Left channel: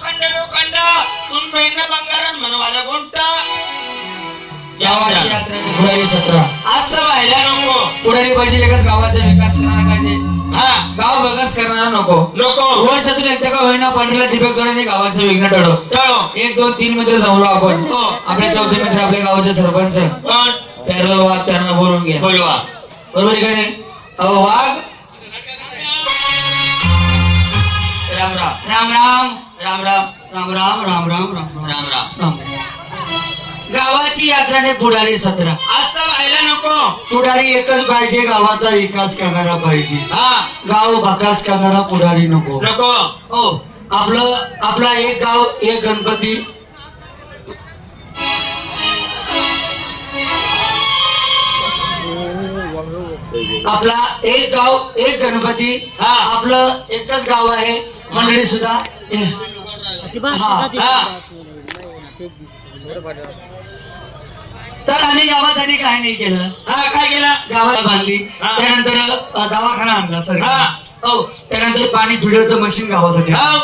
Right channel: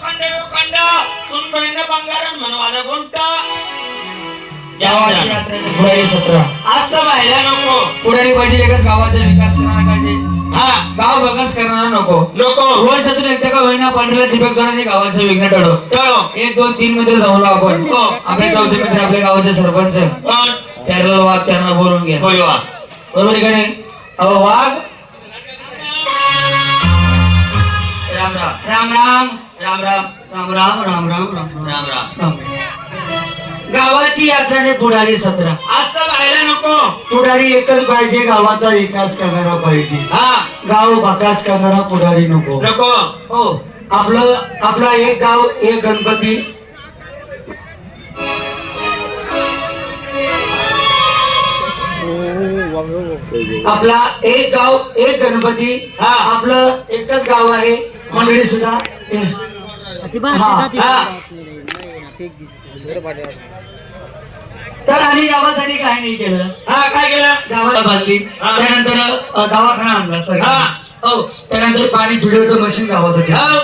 लोखंड लोखंड. तुम बंगारण म्हणवाला कोणता गावाची यात्रेने पुढारी सत्र. असं व्हायला नको. पुढारी पाहिजे एकाच गावाचा विकास करणारा पाहिजे हा. गाव बघाच करणारा नको. नको. वर शत्रू एकदा का होईना पांढऱ्या दीपक जणांनी गावाचे विघ्न टळो. टळो. एक दोन तीन मित्र जमलो आपण. हो. आपले चौथे मित्र आपल्या गावाचे सरपंच. कोण? त्याला वाघ त्यांना बोलून घ्या. बोलवा बरोबर आहे का नाही? अहो वाघ. राम राम. राम राम. राम राम राम राम राम राम राम राम राम राम. गावाची यात्राने पुढारी सतरा. असं व्हायला नको. पुढारी एकच पाहिजे गावाचा विकास करणारा पाहिजे. हा. गाव बाकास करणारा पुढारी नको. नको. हो. आपलं आपला एक गाव एक गणपती. आपला एक गाव एक गणपती. हा. आपलं एकच गाव आहे मंडळी सुद्धा. तर आणि गावासाठी काय नाही केलं हा काय केलं गावाला बांधली. त्यानंतर दवाखाना आणला सर हा. त्यानंतर पाणी फिल्टरचं मशीन गावासाठी हो.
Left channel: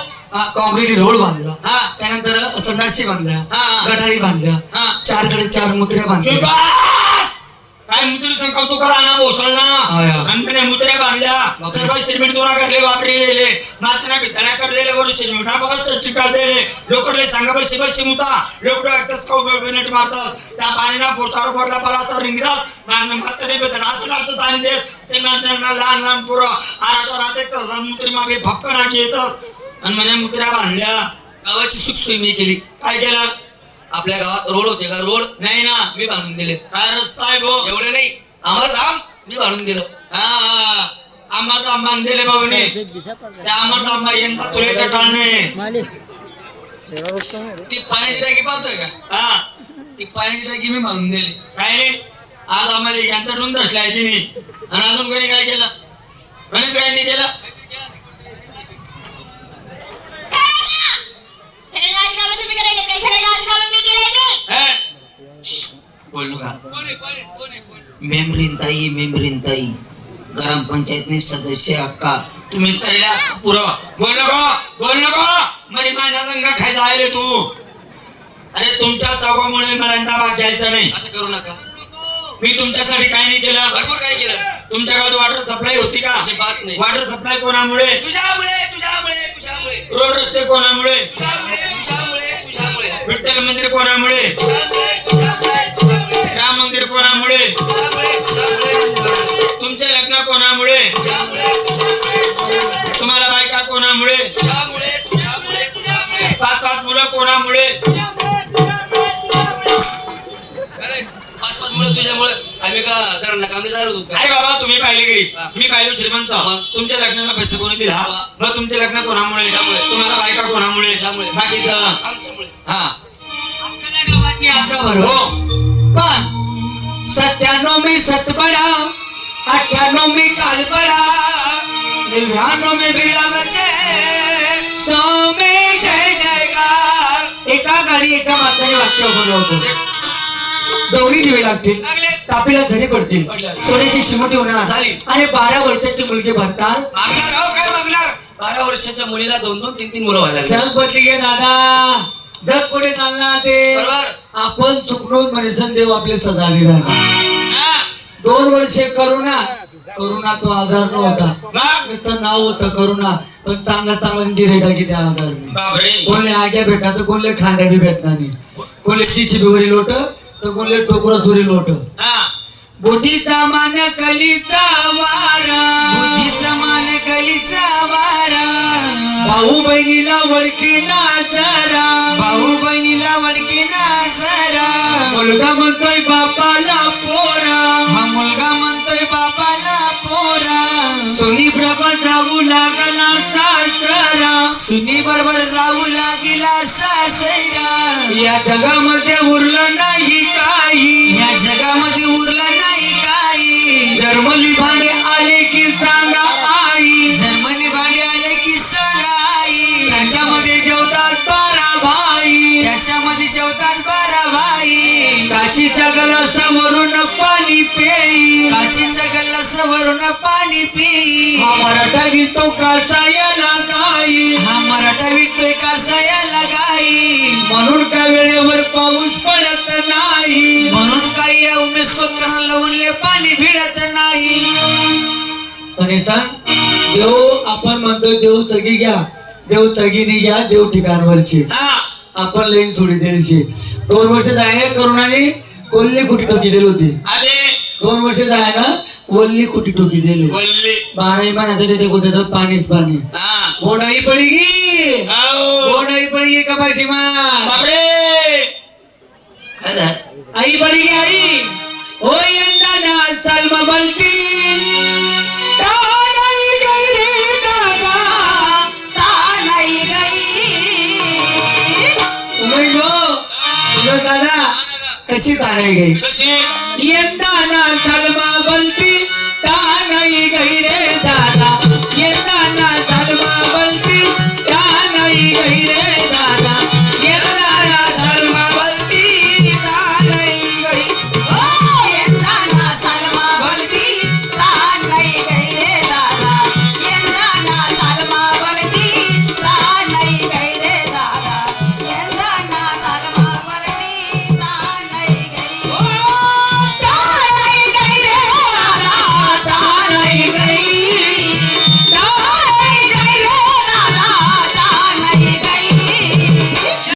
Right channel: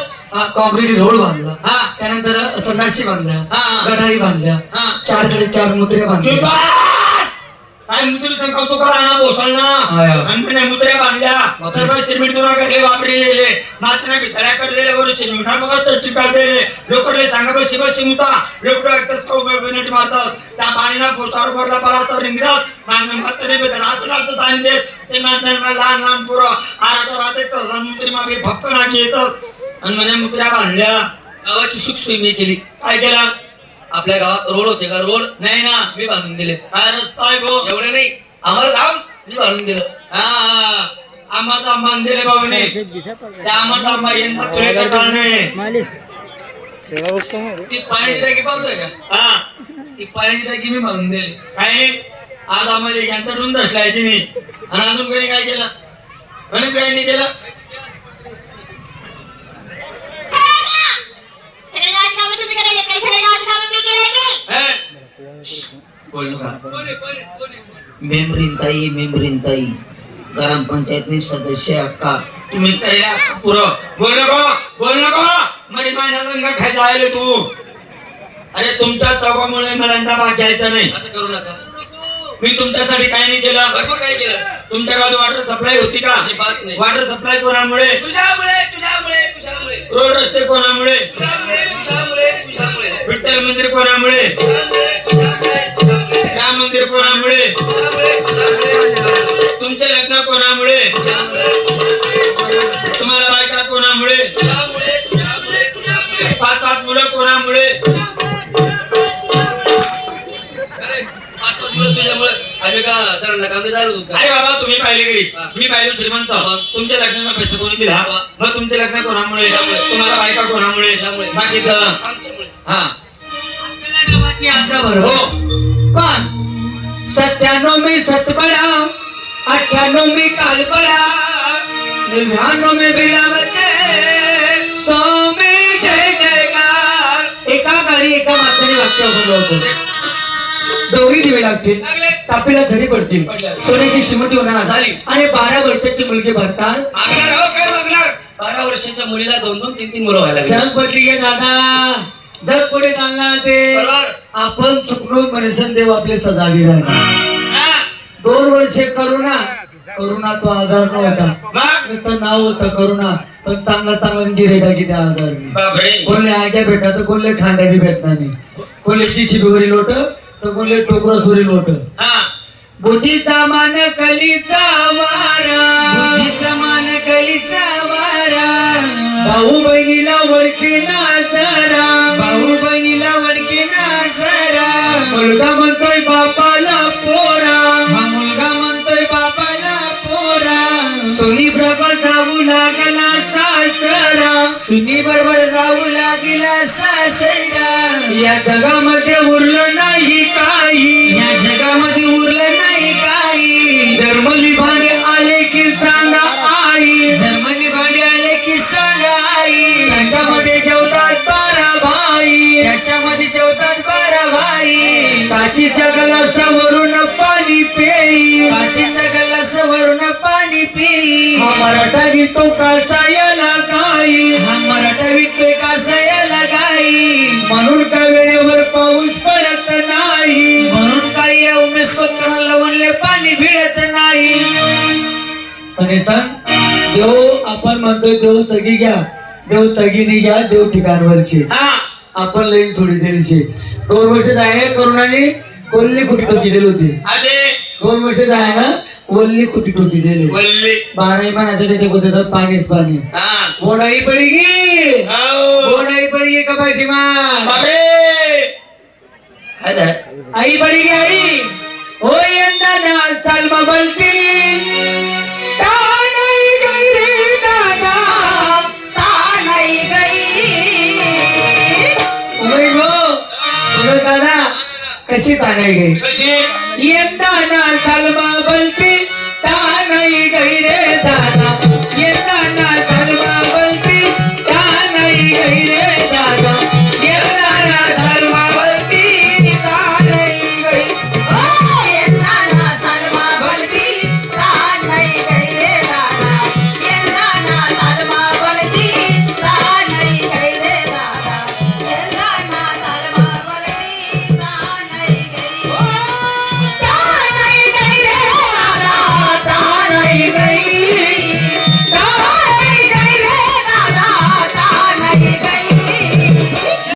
कॉन्क्रीट रोड बांधला हा. त्यानंतर अ, संडासी बांधल्या हा. गटारी बांधल्या हा. चारकडे चार मुत्र्या बांधल्या! काय मुद्रेचं कौतुक करा ना बोसल ना हा, हा. సర్వ సిరిమిడితోనాక దే వాపరిలేలే నాతన भितऱ्या करलेले वरु सिमिटा परत चिकारलेले लोकडे मारतास त्या पाणीला पोसावर भरला परास रिंगदास मागणं मात्र बेत रासुलाच दान देस ते लहान लहान पुरा. आराचा रात एक तसा मागे भक्क नाकी येतस आणि म्हणे मुत्र्या बांधल्या. गावाची सुख मी केली. काय केला? आपल्या गावात रोड होते का? रोड? नाही ना मी बांधून दिले काय रस्ता आहे भो एवढे नाही. अमरधाम मी बांधून दिलं. हा. आम्हाला आंबा दिले बाबूने त्या आम्हाला आंबा यंदा टाळ नाही. ती पाण्याची टाकी पाहतोय का? ती पाण्याची टाकी मी म्हणून दिली. काय नाही आज आम्हाला यंदा टून दसलाय तिने. आणि अजून कोणी काय केलं? कोणीच काय नाही केलं? बोलू का मेमरीन ताई मेमरीन ताई. ग्रामपंचायतनी सदस्य अक्का तुम्हीच करायला अख्खा पुरं. बोल नको बोल नको. मरी माझ्या रंग खायचा आहे तू. अरे तुमच्या चौकामुळे मला यंदा भाग घ्यायचा नाही. असं करू नका. मी तुमच्यासाठी काय नाही केलं? भरपूर काय केलं. तुमच्या गावात वॉटर सप्लाय होती का? अशी बात नाही. वॉटर सप्लाय कोणामुळे? तुझ्यामुळे तुझ्यामुळे तुझ्यामुळे. रोड रस्ते कोणामुळे? तुझ्यामुळे तुझ्यामुळे तुझ्यामुळे. विठ्ठल मंदिर कोणामुळे? तुझ्यामुळे तुझ्यामुळे तुझ्यामुळे. राम मंदिर कोणामुळे? तुझ्यामुळे तुमचे लग्न कोणामुळे? तुम्हाला बायका कोणामुळे? तुझ्यामुळे तुझ्यामुळे तुझ्यामुळे पाच पाच मुलं कोणामुळे? अरे पाच पाच मुलं तुझ्यामुळे. आम्ही का दरांना काम झालो होतो अरे बाबा तुम्ही पाहिले घरी. हा. मी पाहिलो श्रीमंत? तुमच्या लग्नाला पैसे कोणी दिला? हा. मग तुमचे लग्न कोणामुळे. तुम्हाला बायका कोणामुळे. बाकीचं आमच्यामुळे. हा. आपल्या गावाची यात्रा भरव हो. पण सत्त्याण्णव मी सतबडा अठ्ठ्याण्णव मी कालपडा नव्याण्णव मी बिलावाचे स्वामी जय जयकार एका गाडी एका माताने वाक्य होतो दोन्ही दिवे लागतील. तापीला धरी पडतील. सोन्याची शिमटी होणार झाली. आणि बारा वर्षाची मुलगी भरतात मागणार अहो काय मागणार बारा वर्षाच्या मुलीला दोन दोन तीन तीन मुलं व्हायला लागली. चल पत्रिके दादा जग पुढे चालला ते आपण चुकणून मनसन देव आपले सजा दिला हा. वर्षे करुणा. करुणा तो आजार नव्हता. नुसतं नाव होतं करुणा. पण चांगला चांगला गिरेटा की त्या आजारने. बापरे. कोणले आग्या भेटणार तर कोणले खांद्या बी भेटणार नाही. कोणले शिबीवरी लोट तर कोणले टोकरसवरी लोट. हा. बुद्धीचा मान कलीचा वारा. बुद्धीचा मान कलीचा वारा. भाऊ बहिणीला वडके ना जरा. भाऊ बहिणीला वडके ना जरा. मुलगा म्हणतोय बापाला सुनी बरोबर जाऊ लागला सासरा या जगामध्ये उरलं नाही काही. या जगामध्ये उरलं नाही काही. जर्मनी भांडे आले की सांगा आई. जर्मनी भांडे आले की सांगा आई. त्याच्यामध्ये जेवतात बारा भाई. त्याच्यामध्ये जेवतात बारा भाई. काची काचीच्या गलासावरून पाणी पेई. काचीच्या गल्लासवरून पाणी पी हा मराठा गीतो कासायाला गाई हा मराठा विकतोय कासायाला गाई? म्हणून का वेळेवर पाऊस पडत नाही? म्हणून काही या उमेश कोतकरांना पाणी भिडत नाही. आणि सांग देव आपण म्हणतोय देव चगी घ्या देव चगीने घ्या देव ठिकाणवरची. हा. आपण लेन सोडी दिलीशी. दोन वर्ष जाय करुणाने कोल्ली कुटी टोकी दिली होती? आले. दोन वर्ष जाय ना कोल्ली कुटी टोकी दिली? बोलले बाराही पाण्याचं तिथे तर पाणीच पाणी. हा. बोंडाई पडी गी आओ. बोंडाई पडी गी कपाशी मा बापरे. काय? आई पडी गी आई? ओ यंदा ना चाल मा बलती कशी तानाई गई? कशी? यंदा ना चाल मा